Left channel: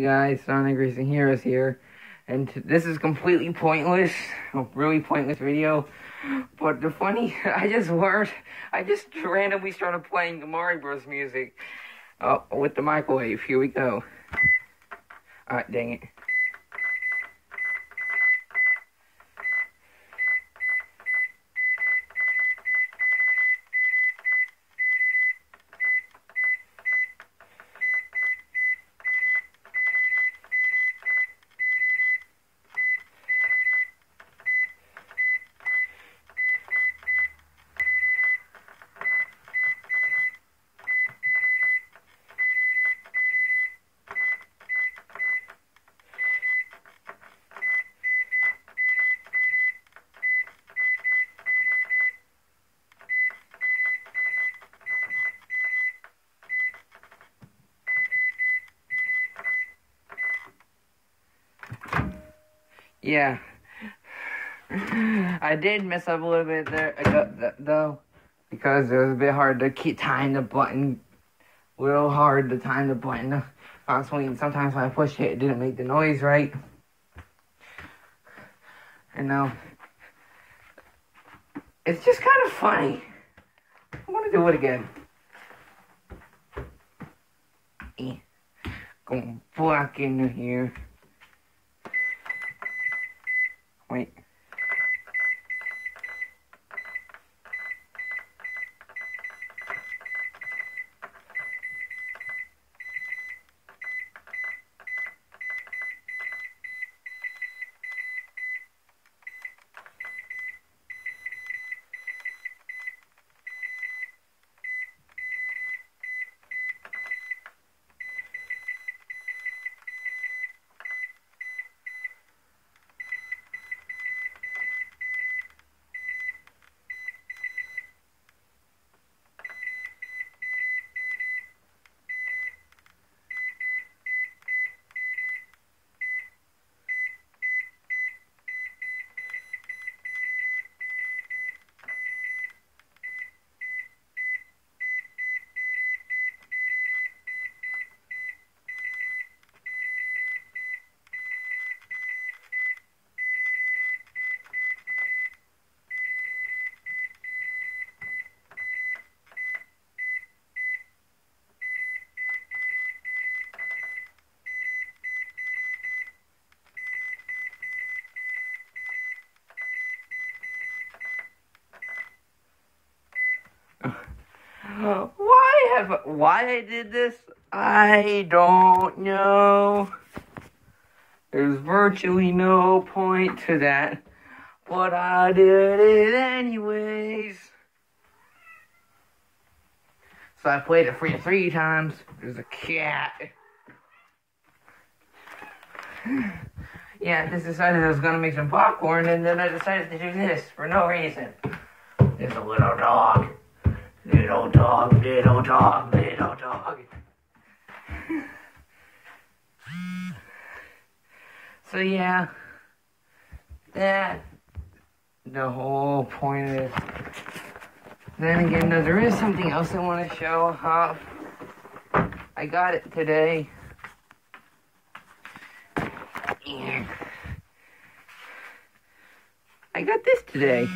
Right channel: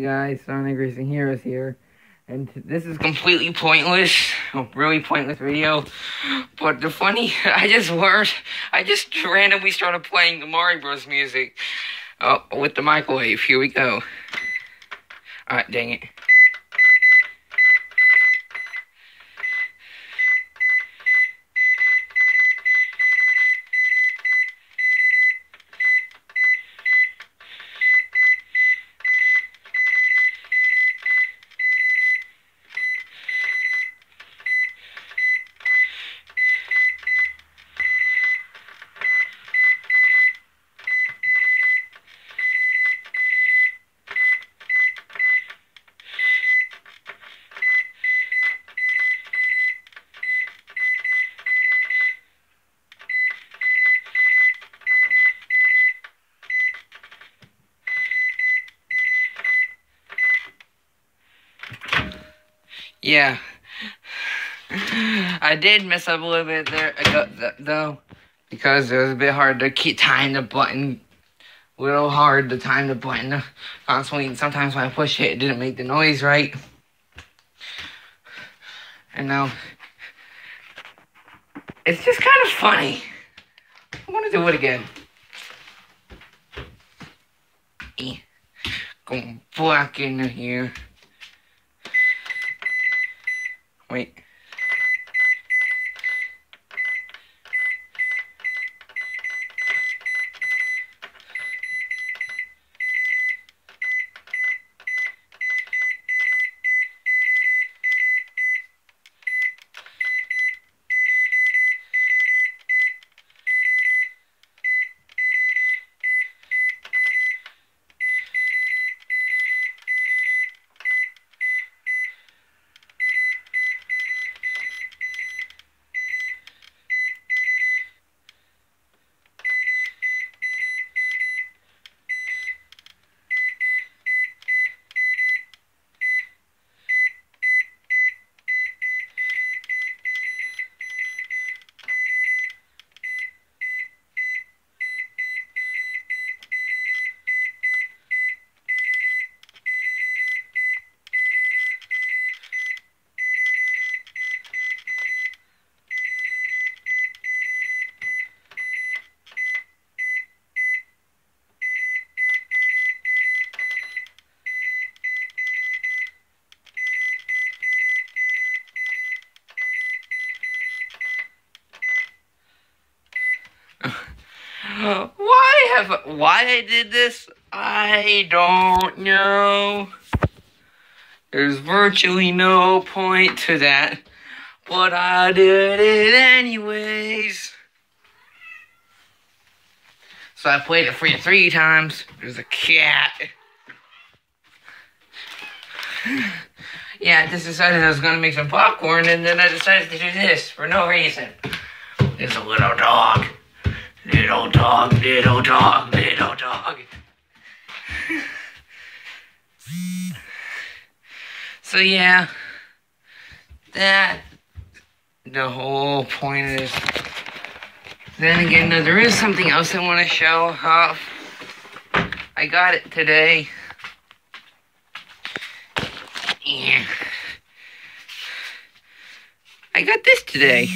Guys, Sonic Racing Heroes here, and this is completely pointless, a really pointless video, but I just randomly started playing the Mario Bros. Music, with the microwave. Here we go. Alright, dang it. Yeah, I did mess up a little bit there, though, because it was a bit hard to keep time the button, constantly, and sometimes when I push it, it didn't make the noise right, and now, it's just kind of funny. I want to do it again. Going back in here. Wait. Why I did this? I don't know. There's virtually no point to that, but I did it anyways. So I played it three times. There's a cat. Yeah, I just decided I was gonna make some popcorn, and then I decided to do this for no reason. There's a little dog. Little dog, little dog, little dog. So yeah, the whole point is, then again, there is something else I want to show off. I got it today. Yeah. I got this today.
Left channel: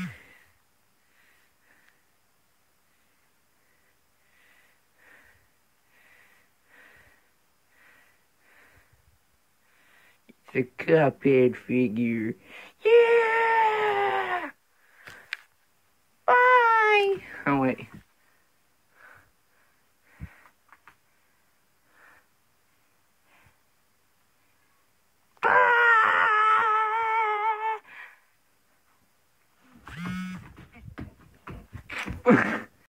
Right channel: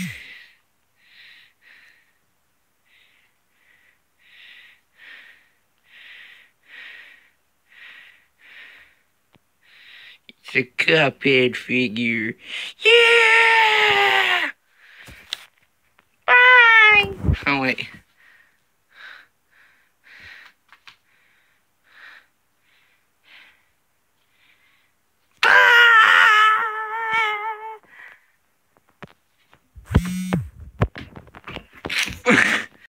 It's a Cuphead figure. Yeah! Bye! Oh, wait. Bye!